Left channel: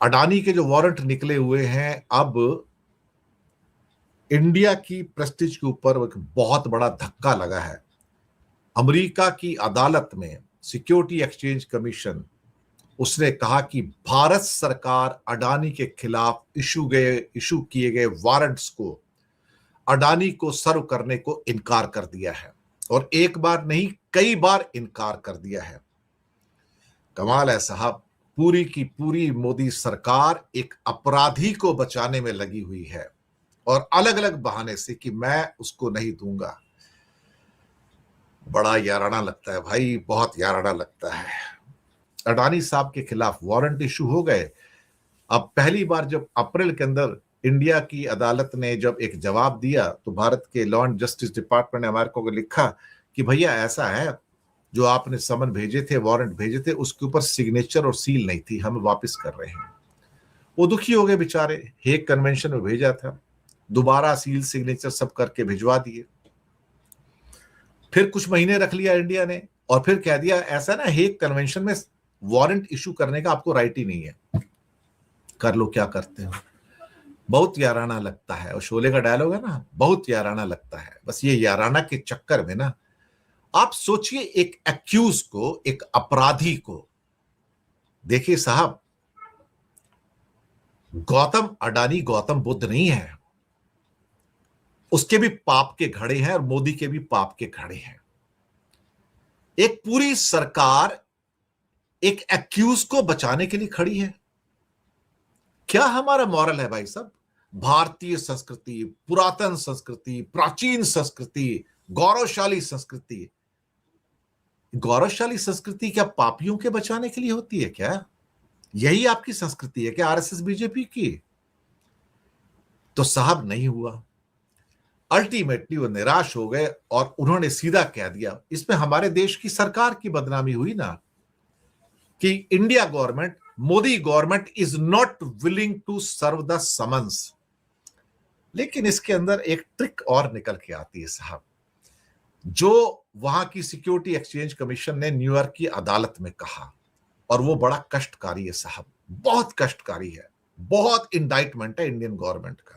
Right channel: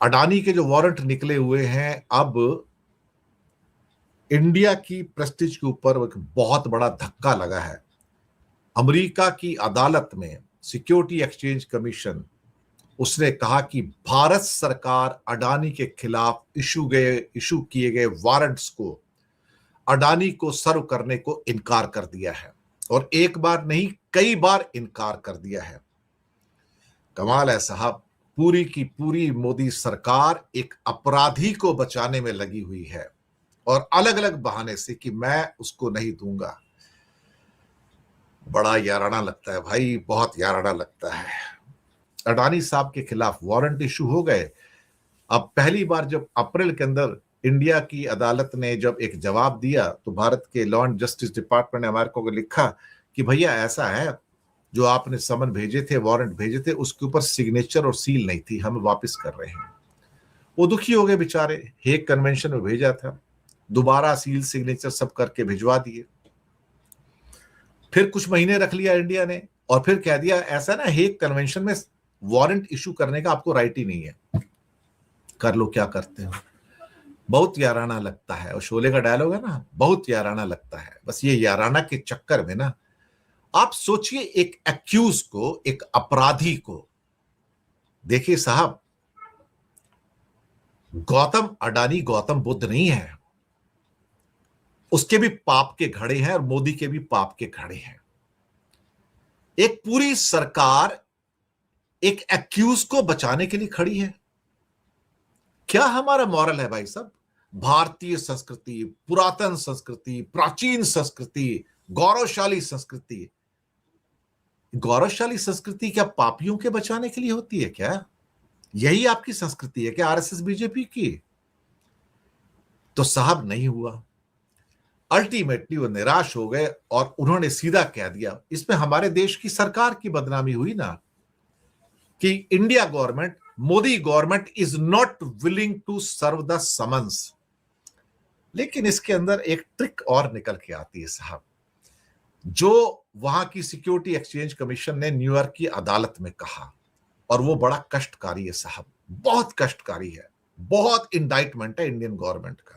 अडानी के जो वारंट निकले हुए हैं, अब इंडिया की प्रेस्टीज के ऊपर एक बहुत बड़ा धक्का लगा है। अमेरिका की अदालत में सिक्योरिटी एक्सचेंज कमीशन, उसने कहा कि भारत सरकार अडानी के खिलाफ इशू किए गए वारंट्स को, अडानी को सर्व करने को इनकार कर दिया है, और एक बार नहीं कई बार इनकार कर दिया है। कमाल है साहब, पूरी की पूरी मोदी सरकार एक अपराधी को बचाने में लगी हुई है, और अलग अलग बहाने से कि मैं उसको नहीं दूंगा। बड़ा याराना लगता है भाई, बहुत याराना लगता है। अडानी साहब के खिलाफ वारंट इशू हो गए। अब पहली बार जब अप्रैल के अंदर इंडिया की अदालत ने जब एक जवाब दिया, तो भारत के लॉ एंड जस्टिस डिपार्टमेंट ने अमेरिका को लिखा कि भैया ऐसा है, जो आपने समन भेजे थे, वारंट भेजे थे, उसके ऊपर सिग्नेचर और सील नहीं थी, हम वापस कर रहे हैं। वो दुखी हो गए बेचारे, हेग कन्वेंशन में भेजा था, दोबारा सील सिग्नेचर सब करके भिजवा दिए। फिर कुछ महीने रख लिया इंडिया ने, और फिर कह दिया ऐसा ना, हेग कन्वेंशन में वारंट इशू करने का आपको राइट ही नहीं है, कर लो क्या करते हो। बहुत याराना लगता है, और शोले का डायलॉग है ना, बहुत याराना लगता है। बस ये याराना के चक्कर में ना, आप सोचिए एक एक्यूज को, एक अपराधी को। देखिए साहब, गौतम अडानी गौतम बुद्ध नहीं है, उसके भी पाप के घड़े हैं और मोदी के भी पाप के घड़े हैं। एक पूरी सरकार एक एक्यूज को बचाने के लिए खड़ी है। क्या हमारा मॉरल है भाई साहब? भारतीय संस्कृति, पुरातन संस्कृति, प्राचीन संस्कृति, गौरवशाली संस्कृति। गौरवशाली संस्कृति क्या पापियों के बचाने के लिए होती है क्या? यही आपकी संस्कृति है क्या आरएसएस बीजेपी की? तो साहब नहीं हुआ। अल्टीमेटली वो निराश हो गए और उन्होंने सीधा कह दिया। इसमें हमारे देश की सरकार की बदनामी हुई ना, कि India government, Modi government is not willing to serve the summons. लेकिन इसके अंदर एक ट्रिक और निकल के आती है साहब, जो वहां की सिक्योरिटी एक्सचेंज कमीशन ने न्यूयॉर्क की अदालत में कहा, और वो बड़ा कष्टकारी है साहब, बहुत कष्टकारी है, बहुत इंडाइटमेंट है इंडियन गवर्नमेंट का।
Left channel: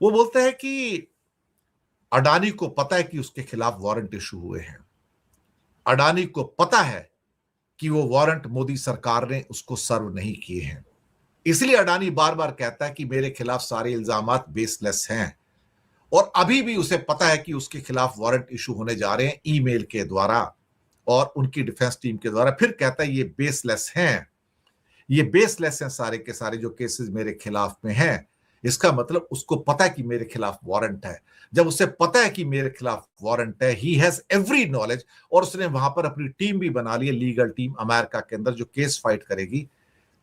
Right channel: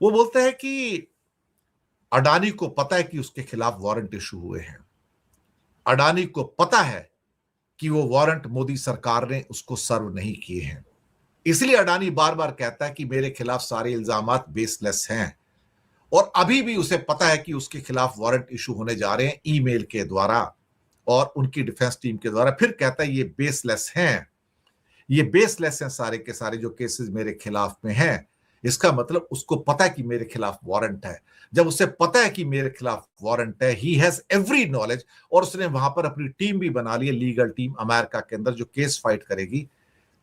वो बोलते हैं कि अडानी को पता है कि उसके खिलाफ वारंट इशू हुए हैं, अडानी को पता है कि वो वारंट मोदी सरकार ने उसको सर्व नहीं किए हैं, इसलिए अडानी बार बार कहता है कि मेरे खिलाफ सारे इल्जामात बेसलेस हैं। और अभी भी उसे पता है कि उसके खिलाफ वारंट इशू होने जा रहे हैं ईमेल के द्वारा और उनकी डिफेंस टीम के द्वारा। फिर कहता है ये बेसलेस हैं, ये बेसलेस हैं सारे के सारे जो केसेस मेरे खिलाफ में हैं। इसका मतलब उसको पता है कि मेरे खिलाफ वारंट है। जब उसे पता है कि मेरे खिलाफ वारंट है, ही हैज एवरी नॉलेज, और उसने वहां पर अपनी टीम भी बना ली है, लीगल टीम अमेरिका के अंदर जो केस फाइट करेगी।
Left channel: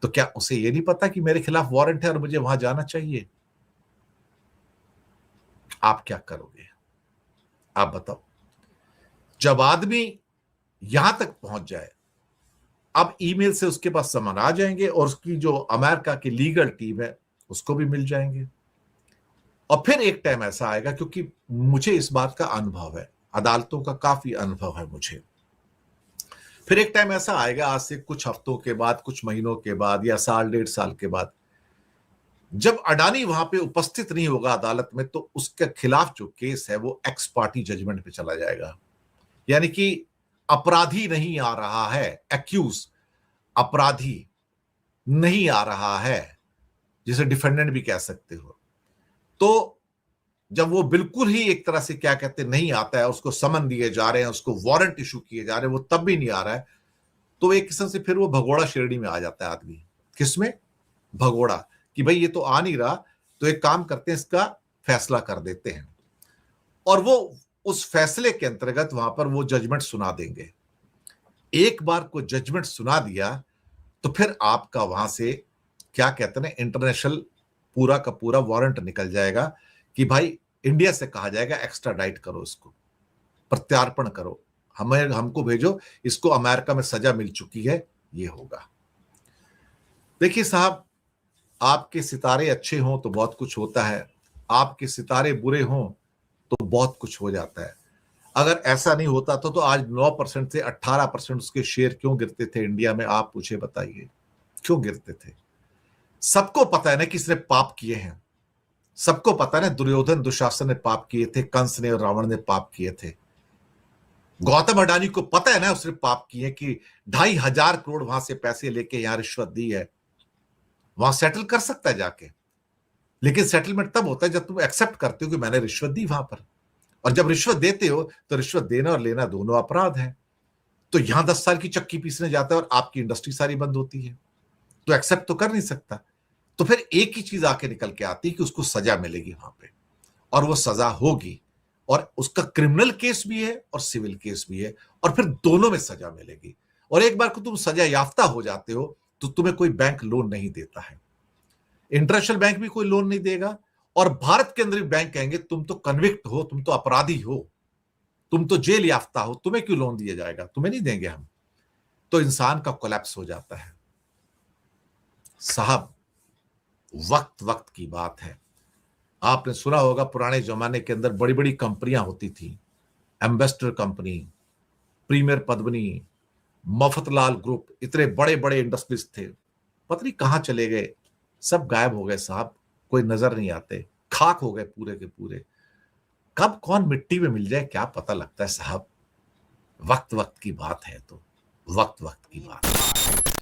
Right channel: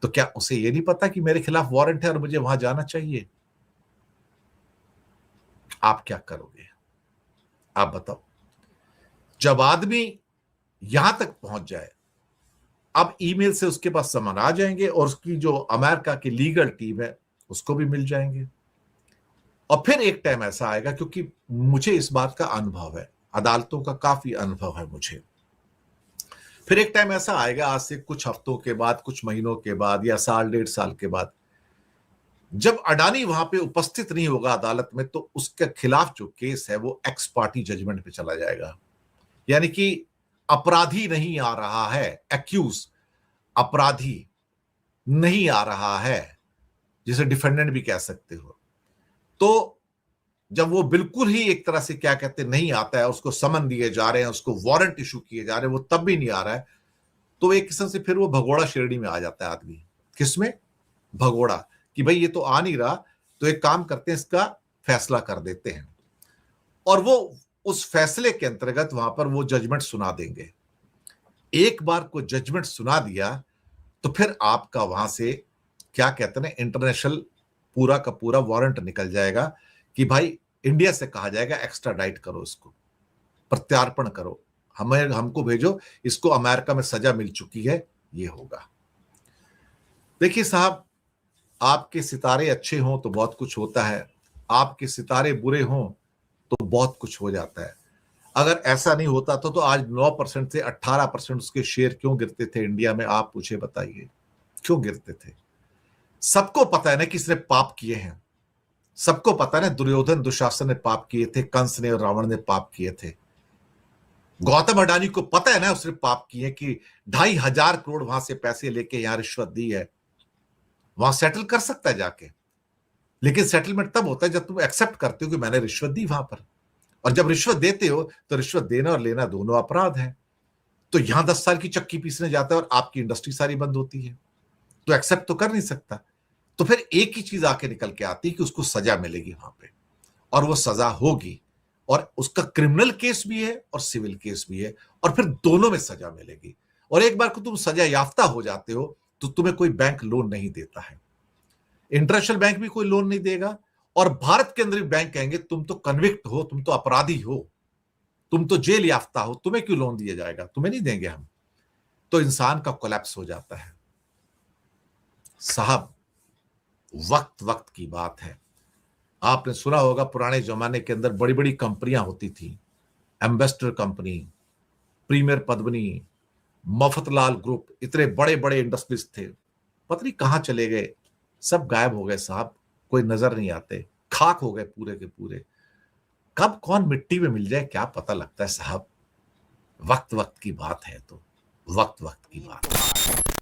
तो क्या उसे ये नहीं पता कि मेरे खिलाफ वारंट है और मुझे वहां जाना चाहिए? आप क्या करोगे? आप बताओ। जब आदमी यहां तक पहुंच जाए, अब ईमेल से उसके पास समन आ जाएंगे, और उसकी जो अमेरिका की लीगल टीम है उसको भी मिल जाएंगे। और फिर एक टाइम ऐसा आएगा, क्योंकि मुझे इस बात का अनुभव है, अदालतों का काफी अनुभव है मुझे। फिर एक टाइम ऐसा आएगा, आज से कुछ हफ्तों के बाद, कुछ महीनों के बाद, या साल डेढ़ साल के बाद, जब अडानी वहां पे उपस्थित नहीं होगा अदालत में, तो उसके खिलाफ जो केस है वो एक्स पार्टी जजमेंट पे चला जाएगा। यानी कि अपराधी नहीं आ रहा है, एक्यूज अपराधी नहीं आ रहा है, जिसे डिफेंडेंट भी कह सकते हो। तो जब वो बिल्कुल ही एक तरह से क्या कहते नहीं आता है, उसको समन दिए जा रहे हैं, उसको वारंट इशू किए जा रहे हैं, वो तब भी नहीं आ रहा है, तो एक किस्म से फिर वो भगोड़ा श्रेणी में आ जाता है आदमी। किसमें? भगोड़ा, कि भाई ये तो आ नहीं रहा, तो एक काम करते हैं, इसका फैसला कर देते हैं। और वो उस फैसले के अंतर्गत वहां पर वो जजमेंट सुना देंगे। एक बार को जजमेंट सुना दिया, तो फिर आपका वहां से क्या कहते हैं, इंटरनेशनल पूरा का पूरा वारंट निकल जाएगा कि भाई इंडिया से कहा जाएगा एक्स्ट्राडाइट करो, इसको प्रत्यार्पण करो, हमें हमको भेजो, इसको अमेरिका में सजा मिल चुकी है, ये होगा। देखिए साहब, आपके सितारे अच्छे हों तो बहुत कुछ होता है, आपके सितारे बुरे हों तो बहुत कुछ हो जाता है। अगर ऐसा नहीं होता तो आज 9% से 18% उसके शेयर क्यों गिरते थे इंडिया में, आप मुझे बताइए। क्यों गिरते थे? सबको पता है ना कि इसने पाप किए हैं, सबको पता है ना दुर्योधन दुशासन ने पाप किए थे, कंस ने और रावण ने पाप किए थे। गौतम अडानी को पता है ना उसने पाप किए कि 2,500 करोड़ वहां से पैसे लेके यहां रिश्वत दी है, वहां सेटल कर सकता है जाके, लेकिन सेटलमेंट तब होता है जब तुम एक्सेप्ट करते हो कि मैंने रिश्वत दी वहां पर। और जब रिश्वत देते हो तो रिश्वत देना और लेना दोनों अपराध है। तो यहां 10 साल की चक्की पीसने जाता है और आपकी इंडस्ट्री सारी बंद होती है, तो एक्सेप्ट तो कर नहीं सकता। तो फिर एक ही चीज आके निकल के आती है कि उसको सजा मिलेगी वहां पे, और वो सजा होगी, और उसका क्रिमिनल केस भी है और सिविल केस भी है, और फिर दोनों में सजा मिलेगी। और एक बार को तुम सजा याफ्ता हो जाते हो तो तुम्हें कोई बैंक लोन नहीं देता है, इंटरनेशनल बैंक भी कोई लोन नहीं देगा, और भारत के अंदर भी बैंक कहेंगे तुम तो कन्विक्ट हो, तुम तो अपराधी हो, तुम तो जेल याफ्ता हो, तुम्हें क्यों लोन दिया जाएगा, तुम्हें नहीं देंगे हम। तो इंसान का कोलैप्स हो जाता है। साहब, वक्त वक्त की बात है। आपने सुना होगा पुराने जमाने के अंदर बड़ी बड़ी कंपनियां होती थी, Ambassador company, Premier Padmini, Mafatlal group, इतने बड़े बड़े इंडस्ट्रीज थे, पता नहीं कहां चले गए, सब गायब हो गए साहब, कोई नजर नहीं आते, खाक हो गए पूरे के पूरे। कब कौन मिट्टी में मिल जाए क्या पता लगता है साहब। वक्त वक्त की बात है, तो वक्त वक्त की बात है।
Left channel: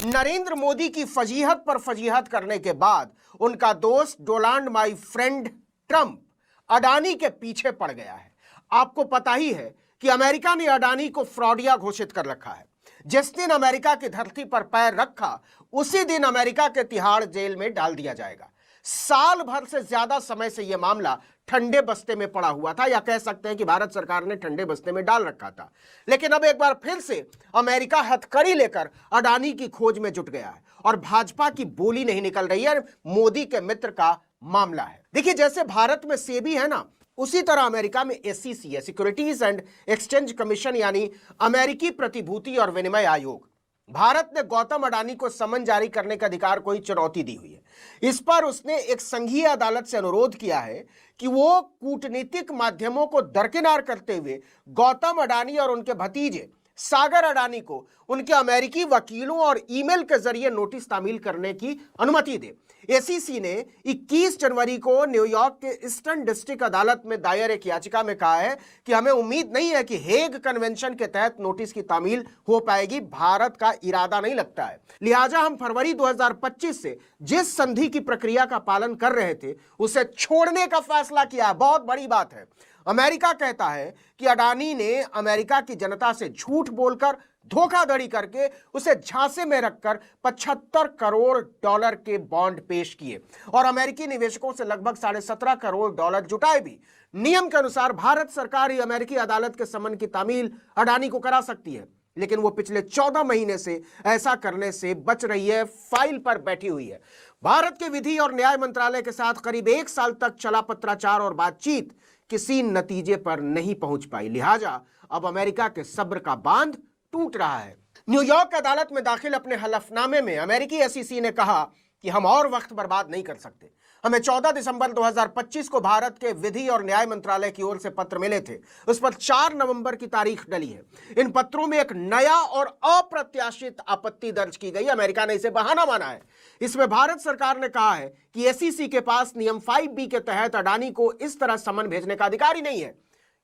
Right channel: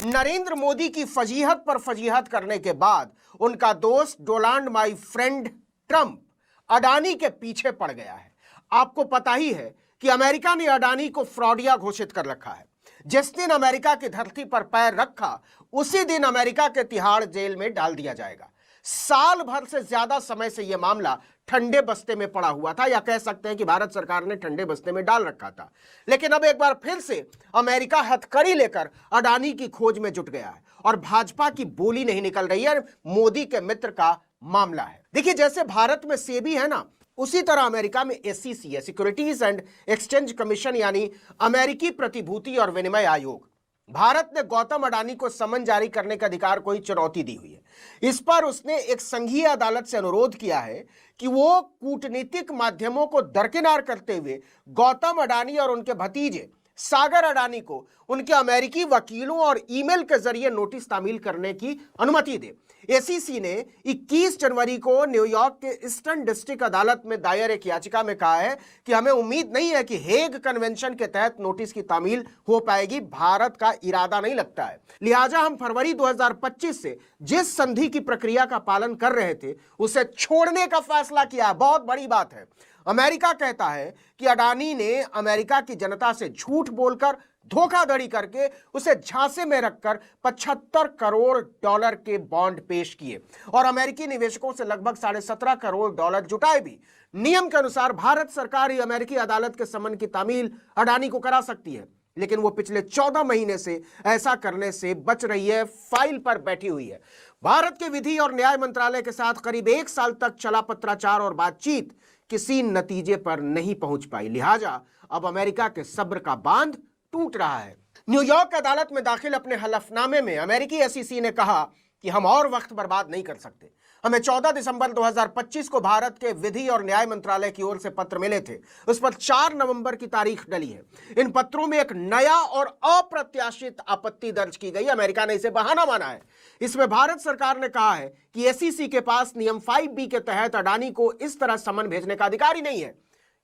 नरेंद्र मोदी की फजीहत पर फजीहत करने के बाद उनका दोस्त Donald my friend Trump Adani के पीछे पड़ गया है। आपको पता ही है कि अमेरिका ने अडानी को फ्रॉडिया घोषित कर रखा है। जिस दिन अमेरिका की धरती पर पैर रखा उसी दिन अमेरिका के तिहाड़ जेल में डाल दिया जाएगा। साल भर से ज्यादा समय से यह मामला ठंडे बस्ते में पड़ा हुआ था, या कह सकते हैं कि भारत सरकार ने ठंडे बस्ते में डाल रखा था। लेकिन अब एक बार फिर से अमेरिका हथकड़ी लेकर अडानी की खोज में जुट गया है, और भाजपा की बोली नहीं निकल रही है। मोदी के मित्र का मामला है। देखिए, जैसे भारत में सेबी है ना, उसी तरह अमेरिका में SEC है, सिक्योरिटीज एंड एक्सचेंज कमीशन, यानी अमेरिकी प्रतिभूति और विनिमय आयोग। भारत ने गौतम अडानी को समन जारी करने का अधिकार कोई चुनौती दी हुई है। इस पर उसने एक संघीय अदालत से अनुरोध किया है कि वो कूटनीतिक माध्यमों को दरकिनार करते हुए गौतम अडानी और उनके भतीजे सागर अडानी को उनके अमेरिकी वकीलों और ईमेल के जरिए नोटिस तामील करने की अनुमति दे। SEC ने 21 जनवरी को न्यूयॉर्क के ईस्टर्न डिस्ट्रिक्ट अदालत में दायर एक याचिका में कहा है कि हमें उम्मीद नहीं है कि हेग कन्वेंशन के तहत नोटिस की तामील हो पाएगी। भारत का इरादा नहीं लगता है, लिहाजा हम फरवरी 2025 से जिस संधि की प्रक्रिया का पालन कर रहे थे उसे छोड़ने का फैसला किया। बहुत बड़ी बात है। अमेरिका कहता है कि अडानी ने अमेरिका की जनता से झूठ बोलकर, धोखाधड़ी करके उसे झांसे में रखकर 75 करोड़ डॉलर के बॉन्ड पेश किए और अमेरिकी निवेशकों से लगभग 17.5 करोड़ डॉलर जुटाए भी। नियम के अनुसार भारत सरकार ही अमेरिकी अदालत के समन की तामील अडानी को करा सकती है, लेकिन वो पिछले 14 महीने से ऐसा करने से बच रही है, फाइल पर बैठी हुई है। भारत के विधि और न्याय मंत्रालय के साथ करीब 1 साल तक चला पत्राचार और बातचीत किसी नतीजे पर नहीं पहुंच पाई, लिहाजा अब अमेरिका के सब्र का बांध टूट रहा है। न्यूयॉर्क अदालत में दाखिल अपने हलफनामे में अमेरिकी SEC ने कहा कि हम और वक्त बर्बाद नहीं कर सकते। हमें 14 दिसंबर 2025 को भारत के विधि और न्याय मंत्रालय की ओर से पत्र मिले थे। उस पर 4 नवंबर की तारीख डली है। इन पत्रों में एक नया और अप्रत्याशित आपत्ति दर्ज की गई। अमेरिका ने इसे बहाना माना है। इसमें भारत सरकार ने कहा है कि SEC के पास नियम 5B के तहत अडानी को इस तरह समन भेजने का अधिकार ही नहीं है।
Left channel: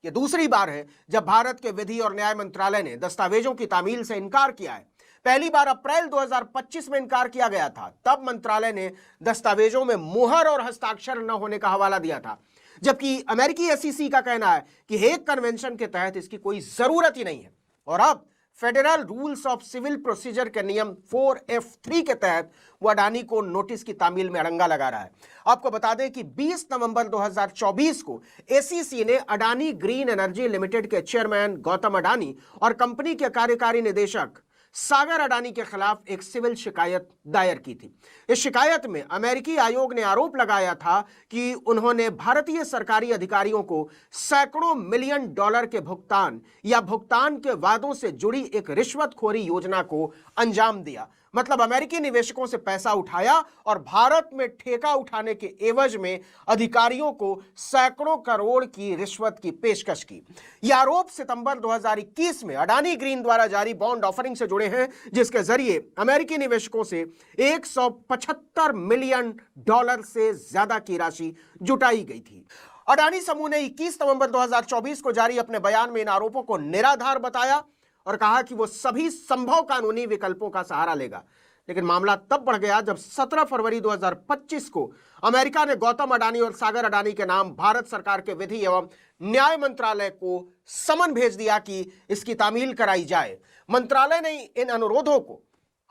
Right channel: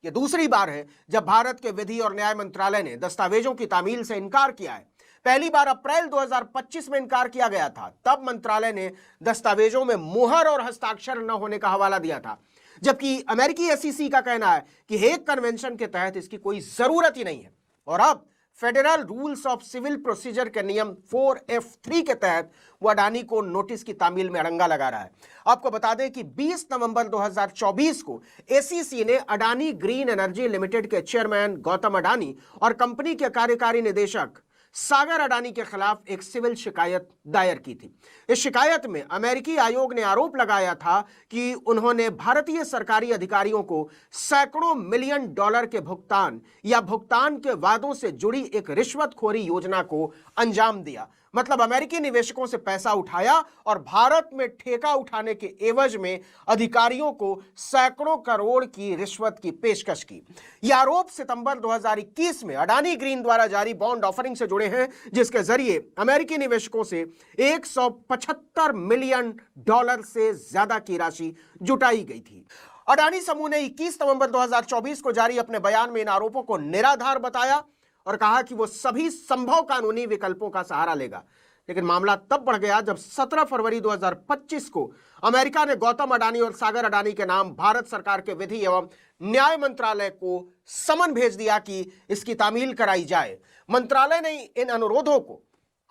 यह दूसरी बार है जब भारत के विधि और न्याय मंत्रालय ने दस्तावेजों की तामील से इनकार किया है। पहली बार अप्रैल 2025 में इनकार किया गया था। तब मंत्रालय ने दस्तावेजों में मुहर और हस्ताक्षर न होने का हवाला दिया था, जबकि अमेरिकी SEC का कहना है कि हेग कन्वेंशन के तहत इसकी कोई जरूरत ही नहीं है। और अब federal rules of civil procedure के नियम 4F3 के तहत वो अडानी को नोटिस की तामील में अड़ंगा लगा रहा है। आपको बता दें कि 20 नवंबर 2024 को SEC ने अडानी ग्रीन एनर्जी लिमिटेड के चेयरमैन गौतम अडानी और कंपनी के कार्यकारी निदेशक सागर अडानी के खिलाफ एक सिविल शिकायत दायर की थी। इस शिकायत में अमेरिकी आयोग ने आरोप लगाया था कि उन्होंने भारतीय सरकारी अधिकारियों को सैकड़ों मिलियन डॉलर के भुगतान या भुगतान के वादों से जुड़ी एक रिश्वतखोरी योजना को अंजाम दिया। मतलब अमेरिकी निवेशकों से पैसा उठाया और भारत में ठेका उठाने के एवज में अधिकारियों को सैकड़ों करोड़ की रिश्वत की पेशकश की। यह आरोप सितंबर 2021 में अडानी ग्रीन द्वारा जारी बॉन्ड ऑफरिंग से जुड़े हैं, जिसके जरिए अमेरिकी निवेशकों से $175 मिलियन से ज्यादा की राशि जुटाई गई थी। अडानी समूह ने 21 नवंबर 2024 को जारी अपने बयान में इन आरोपों को निराधार बताया और कहा कि वो सभी संभव कानूनी विकल्पों का सहारा लेगा। लेकिन मामला तब बढ़ गया जब 17 फरवरी 2025 को अमेरिका ने गौतम अडानी और सागर अडानी के नाम भारत सरकार के विधि एवं न्याय मंत्रालय को समन भेज दिया कि इसकी तामील कराई जाए। मंत्रालय ने इन अनुरोधों को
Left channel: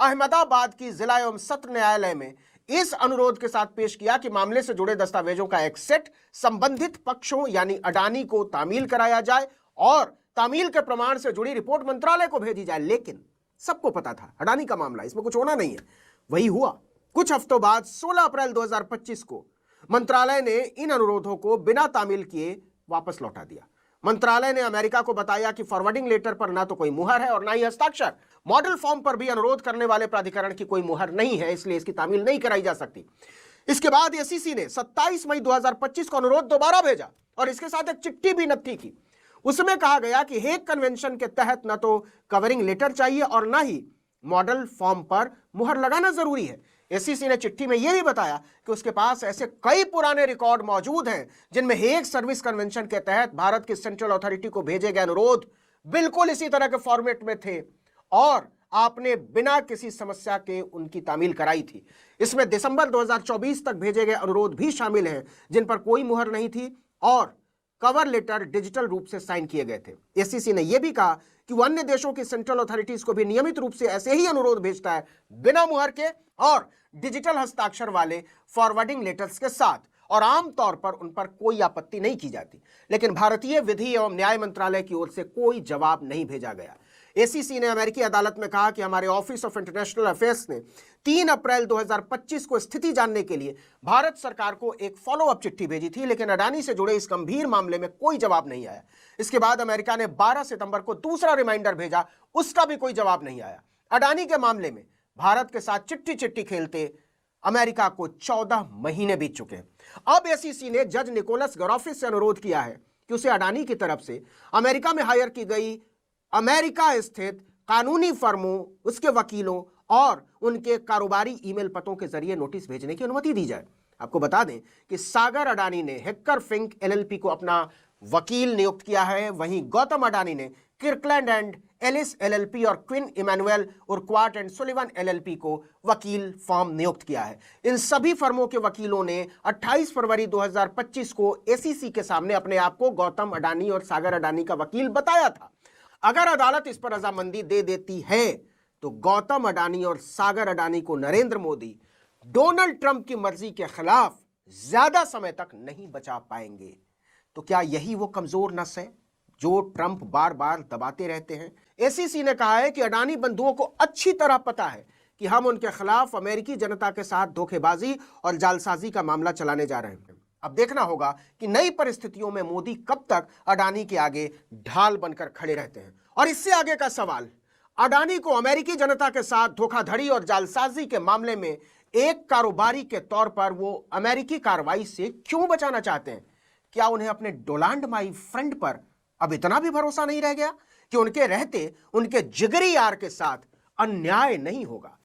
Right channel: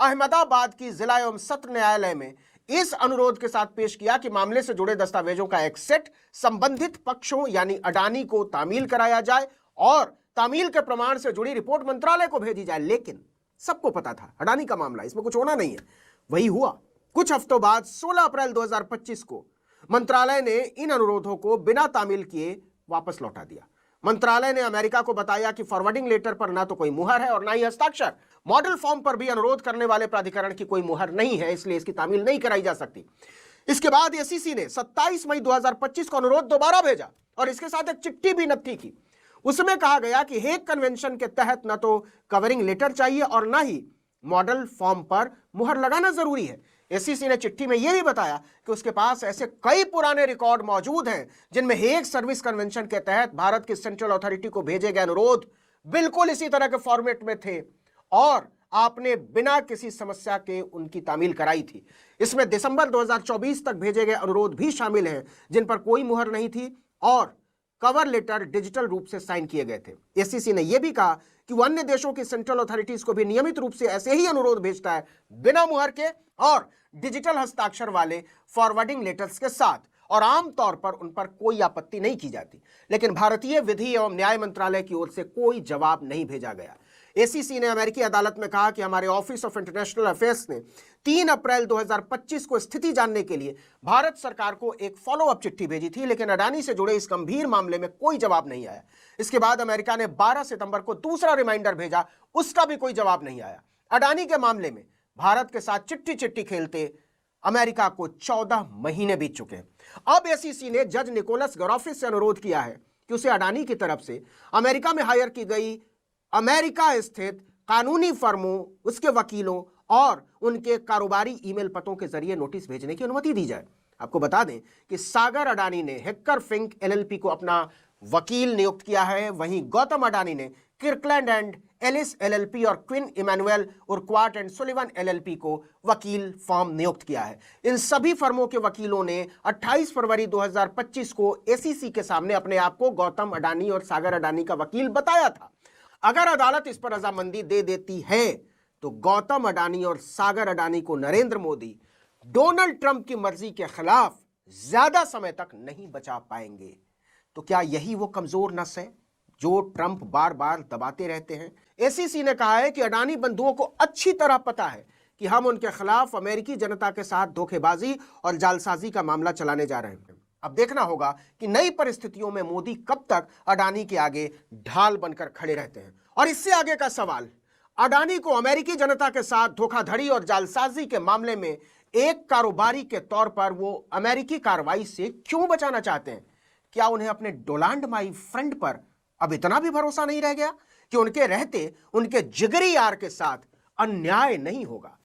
अहमदाबाद की जिला एवं सत्र न्यायालय में इस अनुरोध के साथ पेश किया कि मामले से जुड़े दस्तावेजों का एक सेट संबंधित पक्षों यानी अडानी को तामील कराया जाए और तामील के प्रमाण से जुड़ी रिपोर्ट मंत्रालय को भेजी जाए। लेकिन सबको पता था अडानी का मामला, इसमें कुछ होना नहीं है। वही हुआ। कुछ हफ्तों बाद 16 अप्रैल 2025 को मंत्रालय ने इन अनुरोधों को बिना तामील किए वापस लौटा दिया। मंत्रालय ने अमेरिका को बताया कि फॉरवर्डिंग लेटर पर ना तो कोई मुहर है और ना ही हस्ताक्षर। मॉडल फॉर्म पर भी अनुरोध करने वाले प्राधिकरण की कोई मुहर नहीं है, इसलिए इसकी तामील नहीं कराई जा सकती। इसके बाद एसईसी ने 27 मई 2025 को अनुरोध दोबारा भेजा और इसके साथ एक चिट्ठी भी नत्थी की। उसमें कहा गया कि हेग कन्वेंशन के तहत न तो कवरिंग लेटर चाहिए और न ही मॉडल फॉर्म पर मुहर लगाना जरूरी है। एसईसी ने चिट्ठी में यह बताया कि उसके पास ऐसे कई पुराने रिकॉर्ड मौजूद हैं जिनमें हेग सर्विस कन्वेंशन के तहत भारत की सेंट्रल अथॉरिटी को भेजे गए अनुरोध बिल्कुल इसी तरह के फॉर्मेट में थे और आपने बिना किसी समस्या के उनकी तामील कराई थी। इसमें दिसंबर 2024 तक भेजे गए अनुरोध भी शामिल हैं जिन पर कोई मुहर नहीं थी और कवर लेटर डिजिटल रूप से साइन किए गए थे। एसईसी ने यह भी कहा कि वो अन्य देशों की सेंट्रल अथॉरिटीज को भी नियमित रूप से ऐसे ही अनुरोध भेजता है बिना मुहर के और डिजिटल हस्ताक्षर वाले फॉरवर्डिंग लेटर्स के साथ, और आमतौर पर उन पर कोई आपत्ति नहीं की जाती। लेकिन भारतीय विधि एवं न्याय मंत्रालय की ओर से कोई जवाब नहीं भेजा गया। एसीसी ने अमेरिकी अदालत में कहा कि हमारे ऑफिस ऑफ इंटरनेशनल अफेयर्स ने 3 अप्रैल 2025 को स्थिति जानने के लिए भारत सरकार को एक फॉलो अप चिट्ठी भेजी थी, लेकिन अडानी से जुड़े इस गंभीर मामले में कोई जवाब नहीं आया। इसके बाद अमेरिका ने 12 सितंबर को दूसरा रिमाइंडर भेजा, उसका भी कोई जवाब नहीं आया। अडानी के मामले में भारत के साथ चिट्ठी चिट्ठी खेलते अमेरिका को 14 महीने बीत चुके हैं। अब एसीसी ने जज निकोलस गरोफिस से अनुरोध किया है कि उसे अडानी की तरफ से अमेरिका में हायर की गई अमेरिका स्थित कानूनी फर्मों, उसके वकीलों और उनके कारोबारी ईमेल पतों के जरिए नोटिस भेजने की अनुमति दी जाए। आपको बता दें कि सागर अडानी ने हेक्कर फिंक एलएलपी को अपना वकील नियुक्त किया है, वहीं गौतम अडानी ने किर्कलैंड एंड एलिस एलएलपी और क्विन इमैनुअल और क्वार्ट एंड सुलिवन एलएलपी को वकील फर्म नियुक्त किया है। इन सभी फर्मों के वकीलों ने 28 फरवरी 2025 को एसीसी के सामने अपने आप को गौतम अडानी और सागर अडानी का वकील बताया था। अगर अदालत इस पर रजामंदी दे देती है तो गौतम अडानी और सागर अडानी को नरेंद्र मोदी डोनाल्ड ट्रंप की मर्जी के खिलाफ ज्यादा समय तक नहीं बचा पाएंगे। तो क्या यही वो कमजोर नस है जो ट्रंप बार बार दबाते रहते हैं? एसीसी ने कहा है कि अडानी बंधुओं को अच्छी तरह पता है कि हम उनके खिलाफ अमेरिकी जनता के साथ धोखेबाजी और जालसाजी का मामला चलाने जा रहे हैं। अब देखना होगा कि नई परिस्थितियों में मोदी कब तक अडानी के आगे ढाल बनकर खड़े रहते हैं। और इससे आगे का सवाल, अडानी को अमेरिकी जनता के साथ धोखाधड़ी और जालसाजी के मामले में एक कारोबारी के तौर पर वो अमेरिकी कार्रवाई से क्यों बचाना चाहते हैं? क्या उन्हें अपने डोनाल्ड माई फ्रेंड पर अब इतना भी भरोसा नहीं रह गया कि उनके रहते उनके जिगरी यार के साथ अन्याय नहीं होगा?